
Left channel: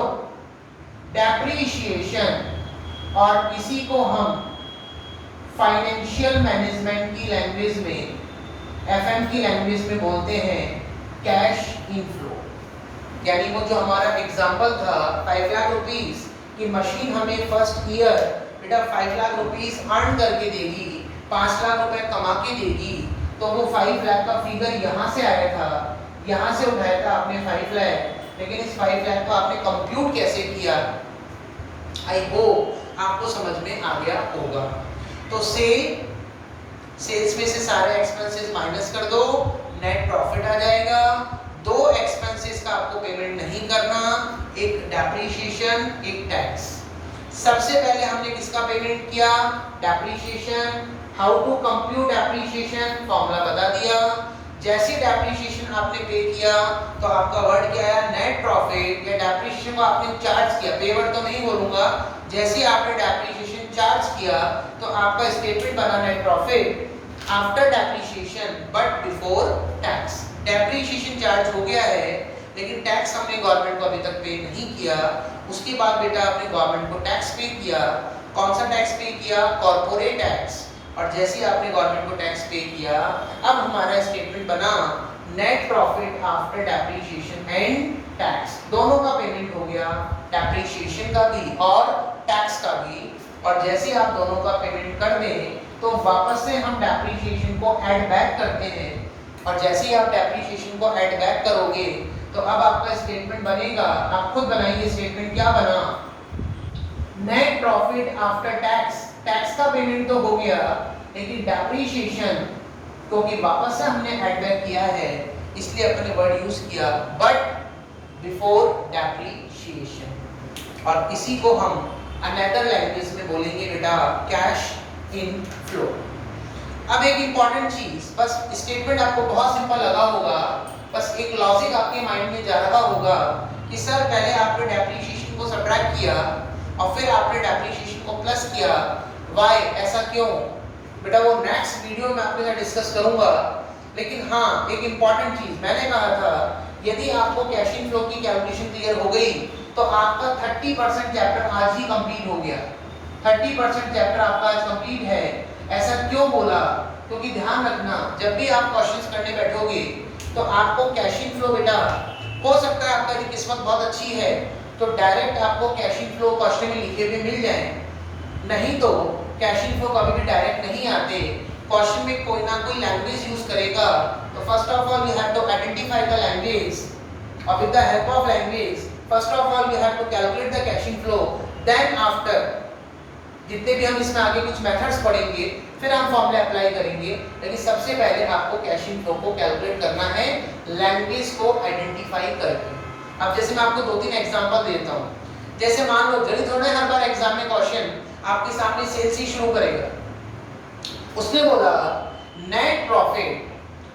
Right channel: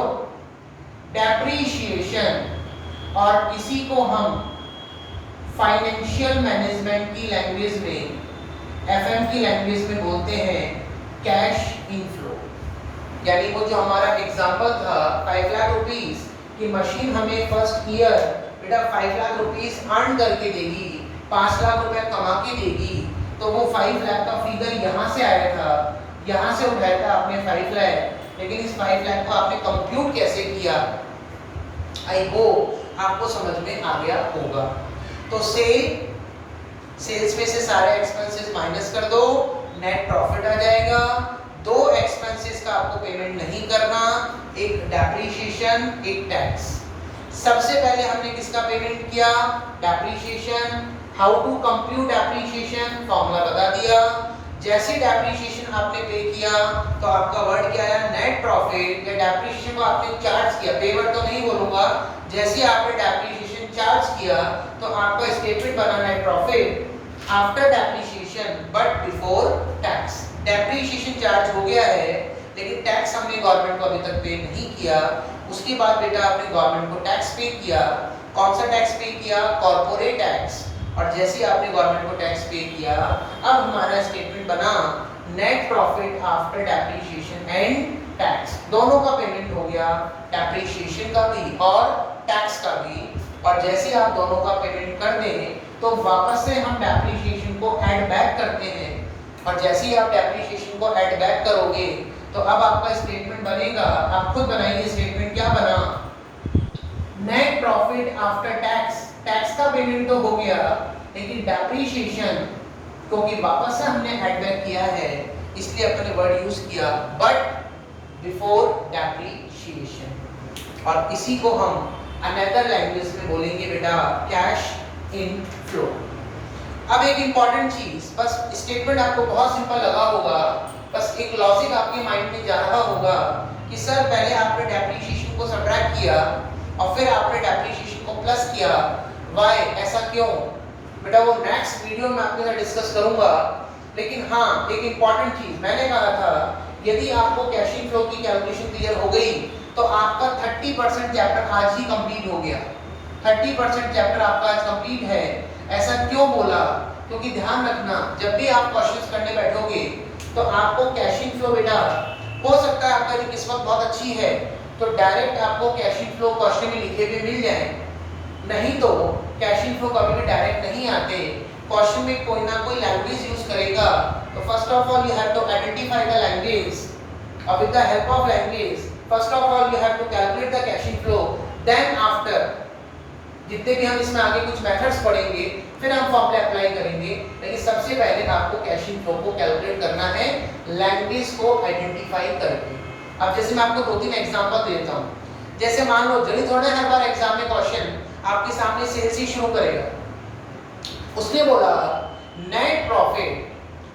depreciation, और इसी को हम फाइनेंशियल मैनेजमेंट की लैंग्वेज में, एफएम की लैंग्वेज में बोलते हैं कैश इनफ्लो। यानी वो जो हमारा एग्जांपल था 5 लाख रुपीस की मशीन हमें फर्स्ट ईयर बेटा 5 लाख रुपीस अर्न करके देगी, 5 लाख रुपए कमा के देगी, तो वो 5 लाख का फिगर यहाँ से आया था, यहाँ से उठाया था आपने 5 लाख, लेकिन इस 5 लाख को आपने कंप्यूट कैसे किया, आई होप आपको समझ में आ गया होगा। तो सेल्स में से सारे एक्सपेंसेस माइनस कर दो, नेट प्रॉफिट आ जाएगा। दो एक्सपेंसेस का आपको पेमेंट नहीं करना, एक डेप्रीशिएशन, एक टैक्स। सबसे पहले हमने किसका पेमेंट किया, depreciation. How to compute depreciation, formula बता दिया। जैसे डेप्रीशिएशन आपने पे किया तो आपका वर्ड क्या आया, नेट प्रॉफिट। या डेप्रीशिएशन को आपने चार्ज किया, पे वर्ड तो नहीं बोलूंगा, जैसे आपने डेप्रीशिएशन चार्ज किया तो आपका स्टेटमेंट बना net profit after depreciation but before tax. Depreciation charge हो गया है, लेकिन टैक्स हमने गवर्नमेंट को अभी तक पे नहीं किया। उसके बाद बेटा आपने गवर्नमेंट को टैक्स पे किया। कौन सा टैक्स पे किया, कॉर्पोरेट टैक्स। और जैसे ही आपने गवर्नमेंट को टैक्स पे किया, अब हमारा स्टेटमेंट बना net profit after depreciation and tax. दोनों का पेमेंट हो गया, डेप्रीशिएशन का भी और टैक्स का भी। और जैसे ही आप दोनों का पेमेंट कर दें तो वापस से हम डेप्रीशिएशन को ऐड बैक करते हैं। और जैसे ही आप डेप्रीशिएशन को ऐड बैक करोगे तो अब आपका स्टेटमेंट बनेगा, आप खुद बनाइए स्टेटमेंट, क्या बना, net profit after tax. Tax का पेमेंट तो हो गया, लेकिन डेप्रीशिएशन क्योंकि वापस से हमने ऐड बैक किया है इसलिए अपने वर्ड यूज किया बट बिफोर डेप्रीशिएशन। और इसी को हम अनदर लैंग्वेज में बोलेंगे बेटा कैश इन फ्लो। अब एक इंपॉर्टेंट चीज, बस स्टेटमेंट आपको बहुत सिंपल लगा होगा, बस एक लॉजिक आपके माइंड में जा रहा होगा कि सर पहले आपने डेप्रीशिएशन को सब्ट्रैक्ट किया और फिर आपने डेप्रीशिएशन को प्लस किया, व्हाई, ऐसा क्यों? बेटा वो नेक्स्ट वीडियो में आपके साथ डिस्कस करूंगा। लेकिन हाँ, एक इंपॉर्टेंट चीज मैंने कहा था, यदि आपको कैश इन फ्लो की कैलकुलेशन क्लियर हो गई तो आपका 30% चैप्टर आज ही कंप्लीट हो गया। 30% चैप्टर आपका आज कंप्लीट है। ऐसा क्यों बोला? क्योंकि ध्यान रखना, जब भी आप क्वेश्चंस करने बैठोगे तो आपको कैश इन फ्लो बेटा, हो सकता है आपका जो किस्मत बहुत अच्छी है तो डायरेक्ट आपको कैश इन फ्लो क्वेश्चन में लिखे हुए मिल जाए, नहीं तो कैश इन फ्लो कभी भी डायरेक्ट नहीं आते। क्वेश्चन में कोई ना कोई लैंग्वेज यूज करेगा। तो first of all you have to identify the language, और with the help of language first of all you have to calculate the cash inflow, then after जितने भी हम इसमें आगे कुछ मेथड्स पढ़ेंगे फिर हम फॉर्मूला अप्लाई करेंगे। लेकिन सबसे पहले आपको कैश इन फ्लो को कैलकुलेट करना है लैंग्वेज को आइडेंटिफाई करके। अब जैसे मैं आपको 2-3 एग्जांपल देता हूं। जैसे मान लो जल्दी थोड़ा हर बार एग्जाम में क्वेश्चन आपके सामने सेल्स ही शुरू करेगा। उसने बोला net profit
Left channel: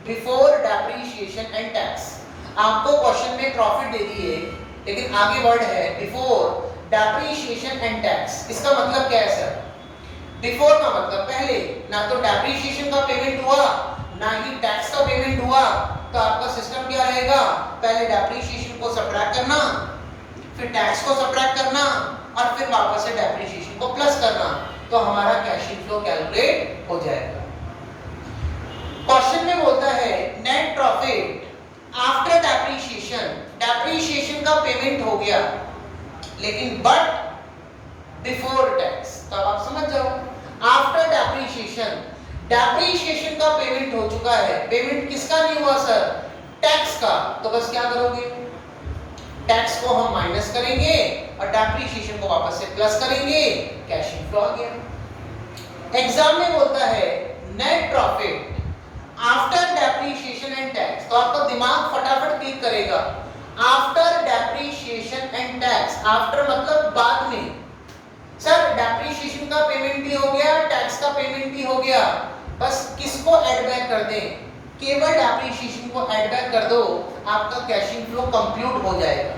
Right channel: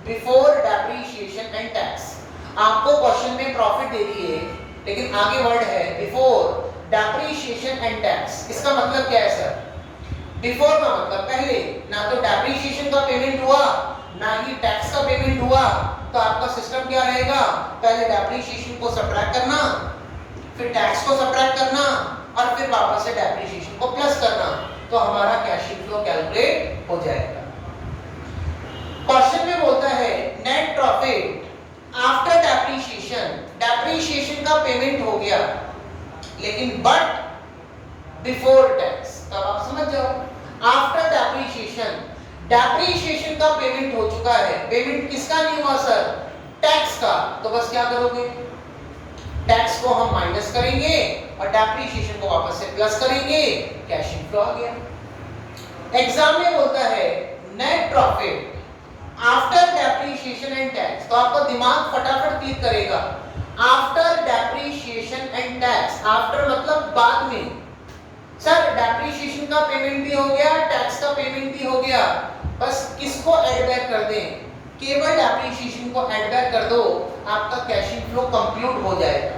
before depreciation and tax. आपको क्वेश्चन में प्रॉफिट दे दी है, लेकिन आगे वर्ड है बिफोर डेप्रीशिएशन एंड टैक्स। इसका मतलब क्या है सर? बिफोर का मतलब पहले, ना तो डेप्रीशिएशन का पेमेंट हुआ ना ही टैक्स का पेमेंट हुआ, तो आपका सिस्टम क्या रहेगा, पहले डेप्रीशिएशन को सब्ट्रैक्ट करना, फिर टैक्स को सब्ट्रैक्ट करना और फिर वापस से डेप्रीशिएशन को प्लस करना, तो हमारा कैश इन फ्लो कैलकुलेट हो जाएगा। क्वेश्चन में बोलता है net profit after depreciation. Depreciation का पेमेंट हो गया लेकिन बट बिफोर टैक्स। तब आप समझ जाओ, आफ्टर डेप्रीशिएशन, डेप्रीशिएशन का पेमेंट हो चुका है, पेमेंट किसका नहीं हुआ सर? टैक्स का। तो बस क्या करोगे, टैक्स को हम माइनस करेंगे और डेप्रीशिएशन को वापस से प्लस करेंगे, कैश इन फ्लो आ गया। एग्जाम में बोलता है net profit after depreciation and tax, तो आपका दिमाग फटाफट क्लिक करेगा after depreciation and tax. After मतलब बाद में। सर डेप्रीशिएशन का पेमेंट भी हो गया, टैक्स का पेमेंट भी हो गया, बस किसको ऐड बैक कर दें? केवल डेप्रीशिएशन को ऐड बैक कर दो, आपका कैश इन फ्लो कंप्लीट हो जाएगा।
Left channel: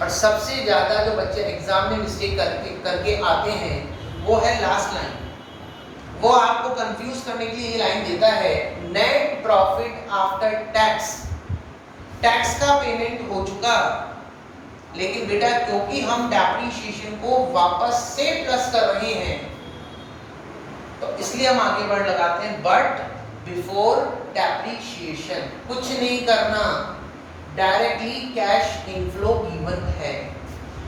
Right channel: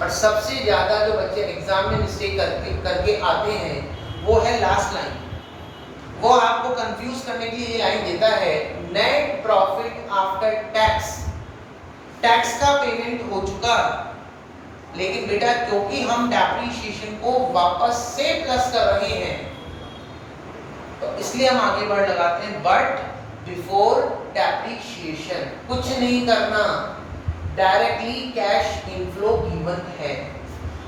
और सबसे ज्यादा जो बच्चे एग्जाम में मिस्टेक करके आते हैं वो है लास्ट लाइन। वो आपको कंफ्यूज करने के लिए ये लाइन देता है net profit after tax. Tax का पेमेंट हो चुका लेकिन बेटा क्योंकि हम डेप्रिसिएशन को वापस से प्लस कर रहे हैं तो इसलिए हम आगे वर्ड लगाते हैं बट बिफोर डेप्रिसिएशन। कुछ नहीं करना, डायरेक्टली कैश इनफ्लो गिवन है।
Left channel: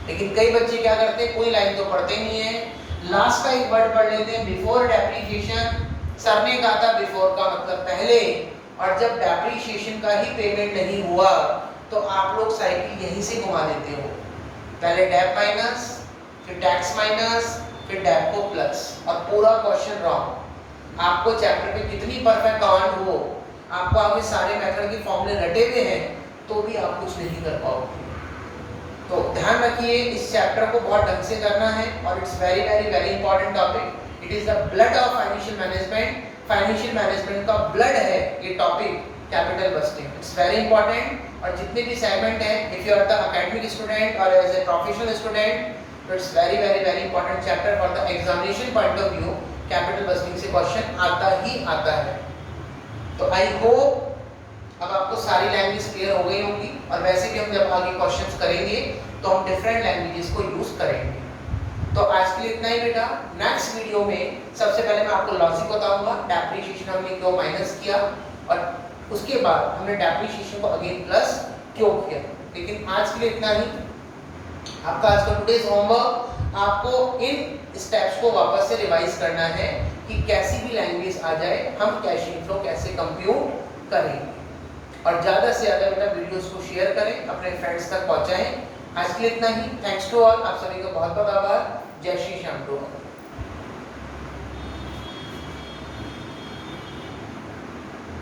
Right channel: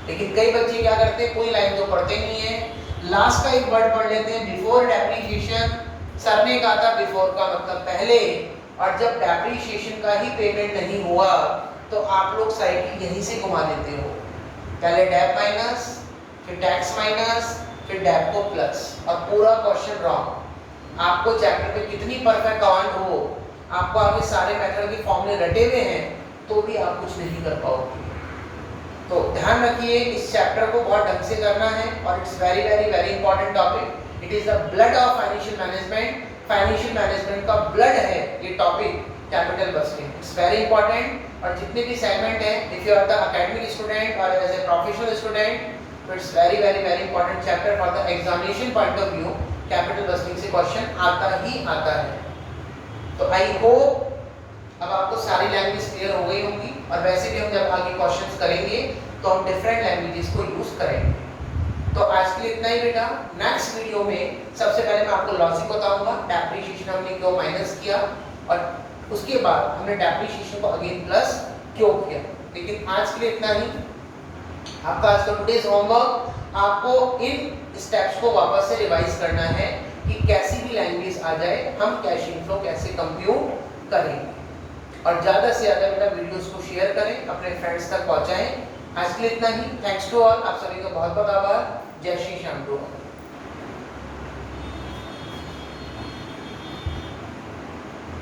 लेकिन कई बच्चे क्या करते हैं, कोई लाइन तो पढ़ते नहीं है, लास्ट का एक वर्ड पढ़ लेते हैं बिफोर डेप्रिसिएशन। सर ने कहा था बिफोर का मतलब पहले, और जब डेप्रिसिएशन का ही पेमेंट नहीं हुआ तो आप लोग साइकिल यहीं से घुमा देते हो, पहले डेप माइनस, फिर टैक्स माइनस, फिर डेप को प्लस, और पूरा क्वेश्चन रॉन्ग। आपको चैप्टर पे कितनी परफेक्ट कमांड हो, आपको आगे सारे मेथड के फॉर्मूले रटे हुए हैं तो भी आप कुछ नहीं कर पाओगे। तो ध्यान रखिए इस चैप्टर को बहुत ढंग से करना है, और it's very very very important topic. It is the blood of financial management. Financial management का ब्लड है ये topic, capital budgeting. It's very important. और जितने भी सेगमेंट हैं, if you are the academic student और एज ए प्रोफेशनल स्टूडेंट, तो it's very very very important chapter for the examination point of view. Capital budgeting से क्वेश्चन आता ही आता है। तो आई होप अब आपको सारी लैंग्वेज क्लियर हो गई होंगी, और वैसे भी हम जब आगे क्वेश्चंस करेंगे तो हम डिफरेंट लैंग्वेजेस को यूज करेंगे। तो आज के लिए इतना ही बेटा। नेक्स्ट वीडियो में सबसे पहले मैं आपको लॉजिक बताऊंगा, डेप्रिसिएशन हमने क्यों माइनस किया, और उसके बाद हमने डेप्रिसिएशन को अगेन प्लस क्यों किया। लेकिन आज के लिए इतना ही। आपका आज का टुडेज होमवर्क, आपको इन स्टेप्स को वापस से रिवाइज करना है कि कैसी भी लैंग्वेज आ जाए हम कैश इनफ्लो कैसे कंप्यूट करेंगे। और ज़्यादा से ज़्यादा बेटा वीडियोस को शेयर करें, अपने फ्रेंड्स तक पहुंचाएं। आज के लिए इतना ही। थैंक्स टू ऑल, आप सभी का बहुत बहुत आभार। जय श्री श्याम।